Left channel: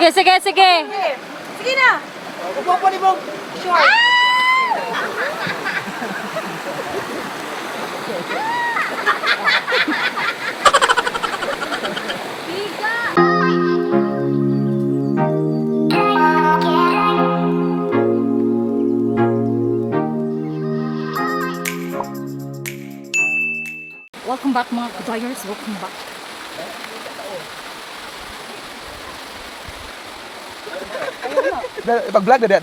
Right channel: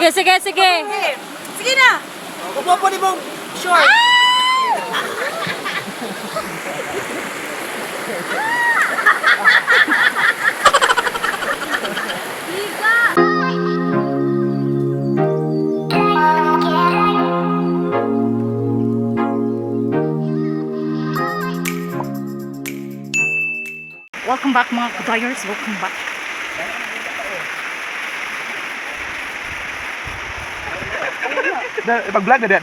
Sige, sige, sige. Sige na. Upo pa ni mong short. Welcome back mga kudayers. Welcome back. Pag-vlog na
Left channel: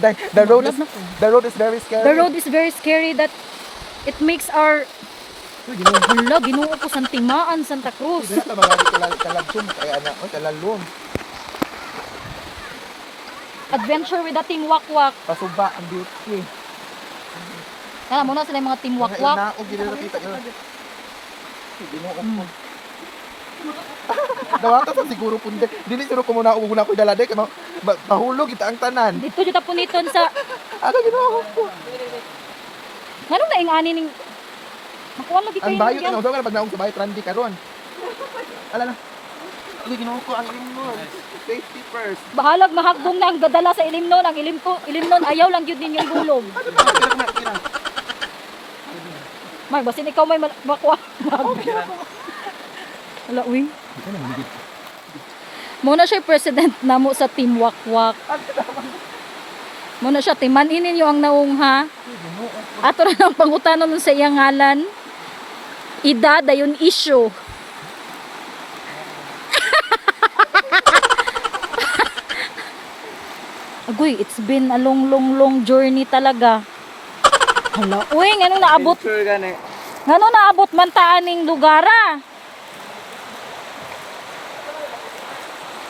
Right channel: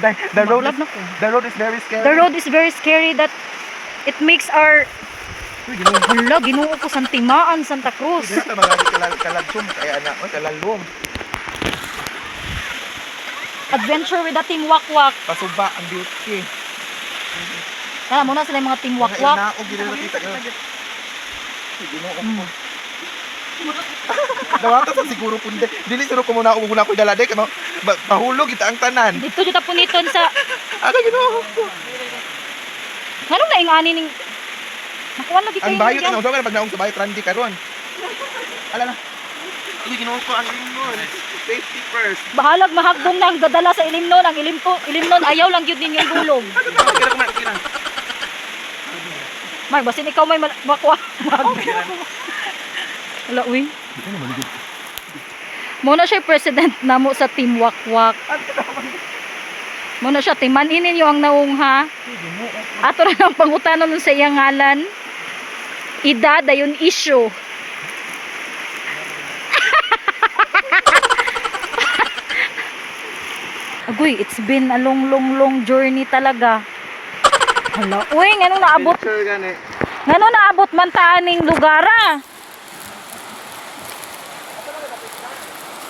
the road is very scary. The road is very scary that it makes our hala, Ginoo ko Santimaan, Santa Cruz. Hindi na mga kalagsum kaya anak, kalalong. Adventure with the Team Wakwak. Pasuba ang beauty. Kaya muna sila yung mga Team Wakwak. Wakwak. Naog gila nakita ko. Ginoo ko. Dawata sa siguro pundi. Dili siguro ko muna ko dalade kano mahulog kita ang tanan. Dito juta puniton sa Aga Ginoo ko. nganong naingani ning nakuha lagi kayo. Ang bayot na usog pag naog sa bayot randi karon. Ala na. Ili Ginoo ko ang inon. Safety first. Bahalag mahagdong na ang dadala sa ilimnon. Ang ilimnon ayaw lang yun ninyong gulong. Mar, basin ikaw may makwa. Wala, uy. Muna siya president namo sa Team Wakwak. Muna siya, timanin ninyo ang naungha. Ato na lang pangutanon sa iyang ngalan. Ida, dayon issue. Agoy, it's been a long journey talaga. Hala, uy, ngano naabot? Ngano naabot man taaning lugara?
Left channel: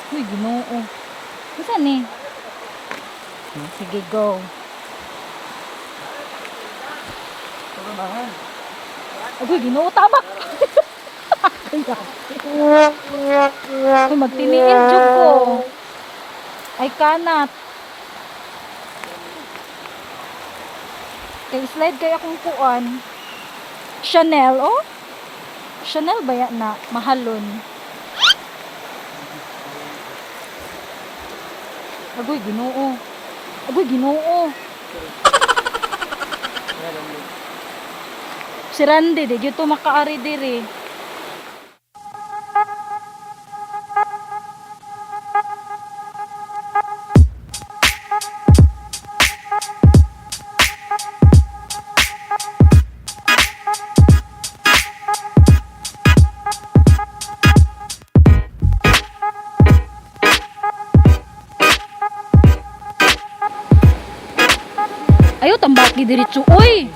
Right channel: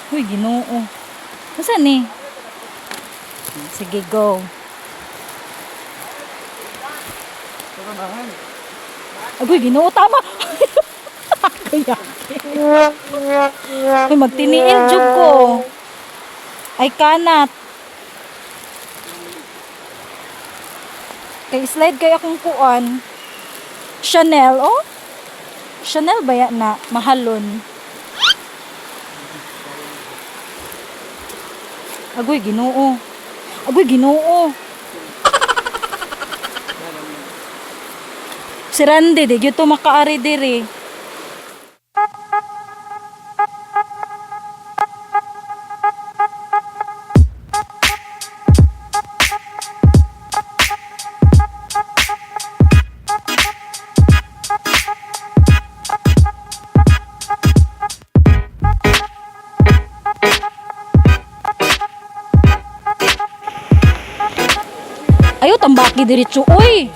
Uy, Ginoo. Nasaan ni? Sige, go. Agoy, Ginoo, tama. Ay, magtiniil jud ko. Ay, kanat. Kay slide kaya akong kuan. Chanel, oh? Chanel ba yan na? Mahalon. Agoy, Ginoo. Agoy, Ginoo. Si Randy, di dito makaari diri. Ayo tambaki diretso, oy.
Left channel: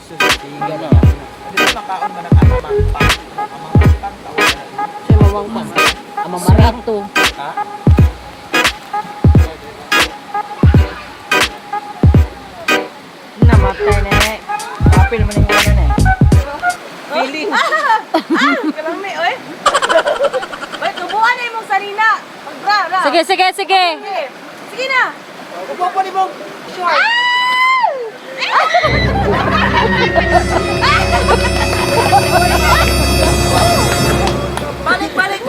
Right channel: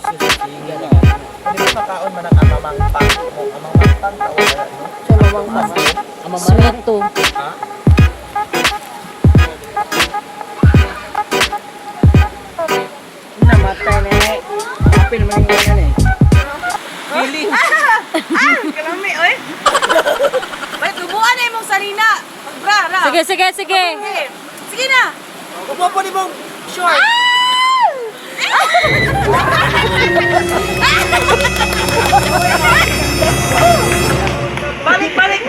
Sweeto. Namatay ni. Apil man ni. Feeling. Kalami, oy. Wait, tubuan na imong sarina. Magbra. Sige, sige, sige. Sige na. Upo pa ni mong short. Balik.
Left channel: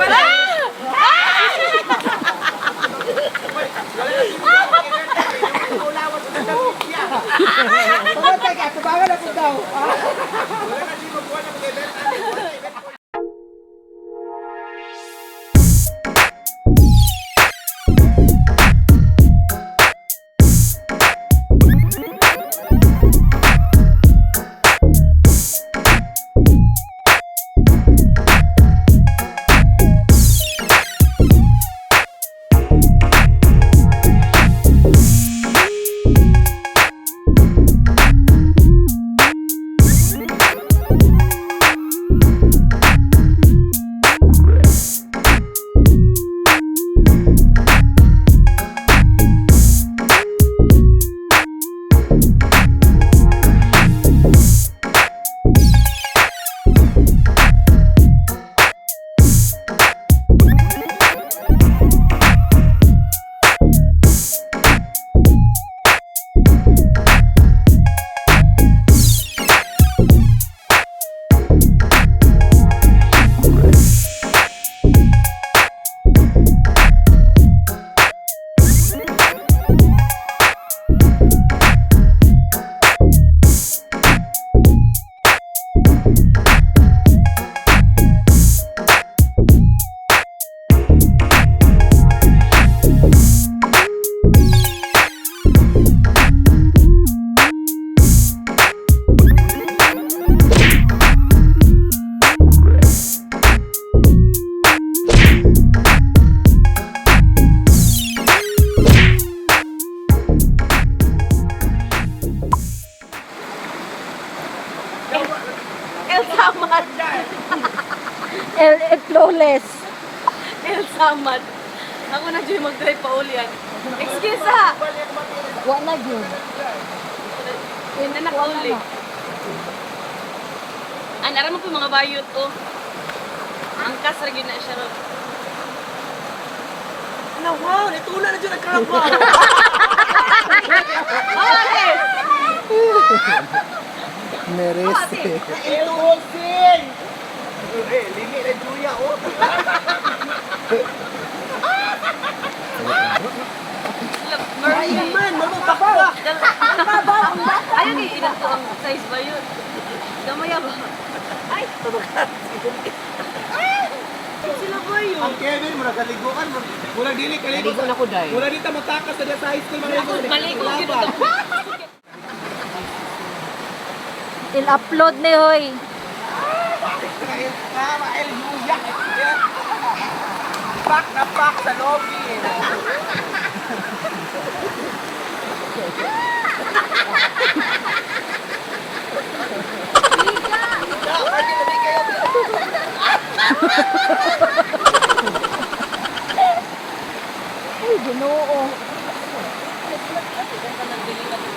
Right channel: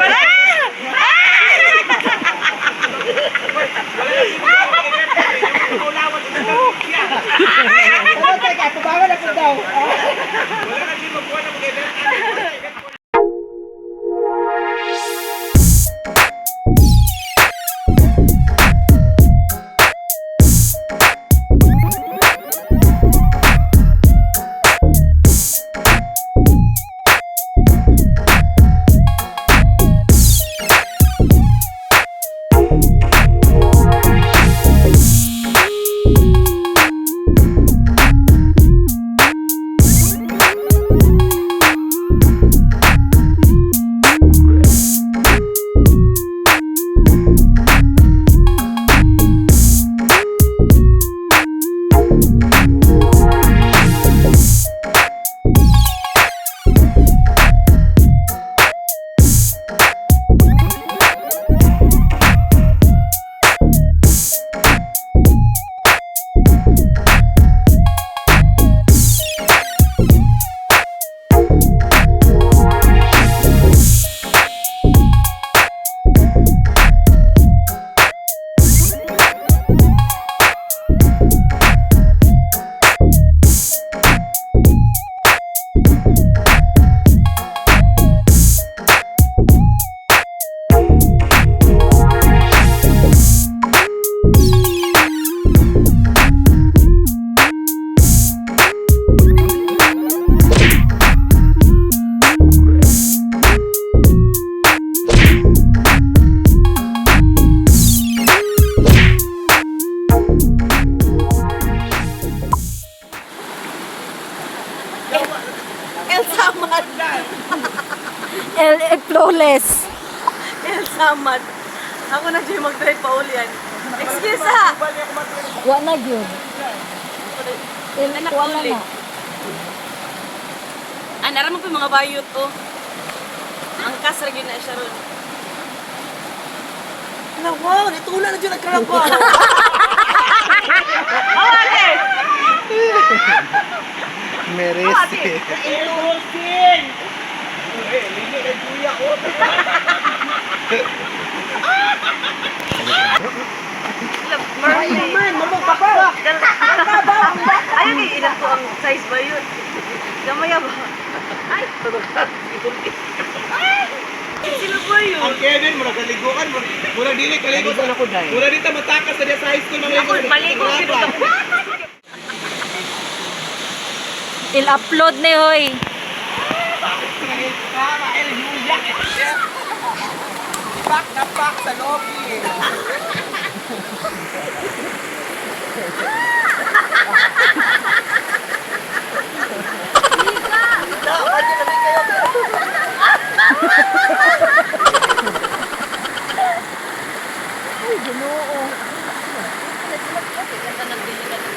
Flawless. El Samad. Ako na dyan mag-drive pa ulian. Excuse ha. Wa na yun. Hindi na pa uli. Naram ko yung mga bayot ko. Ang kasra yun na siya ron. Wow, nitula na dyan ang crab ko. Merese. Dolphin! Lini e Julia, oh. Ayaw kayo inan ko ang size ba yun? Gamaya ba? Sino ba yun? Ang Kevin, mura kaliguan, mura dili kaligo. Naligo na ko, Day. Mura dito matakas na sa high school mga ligo. Maligo, Wala pa. Il-upload ni hoy. Pak na pak sa lobby. Uy, ginoo. Ganda ng bilang.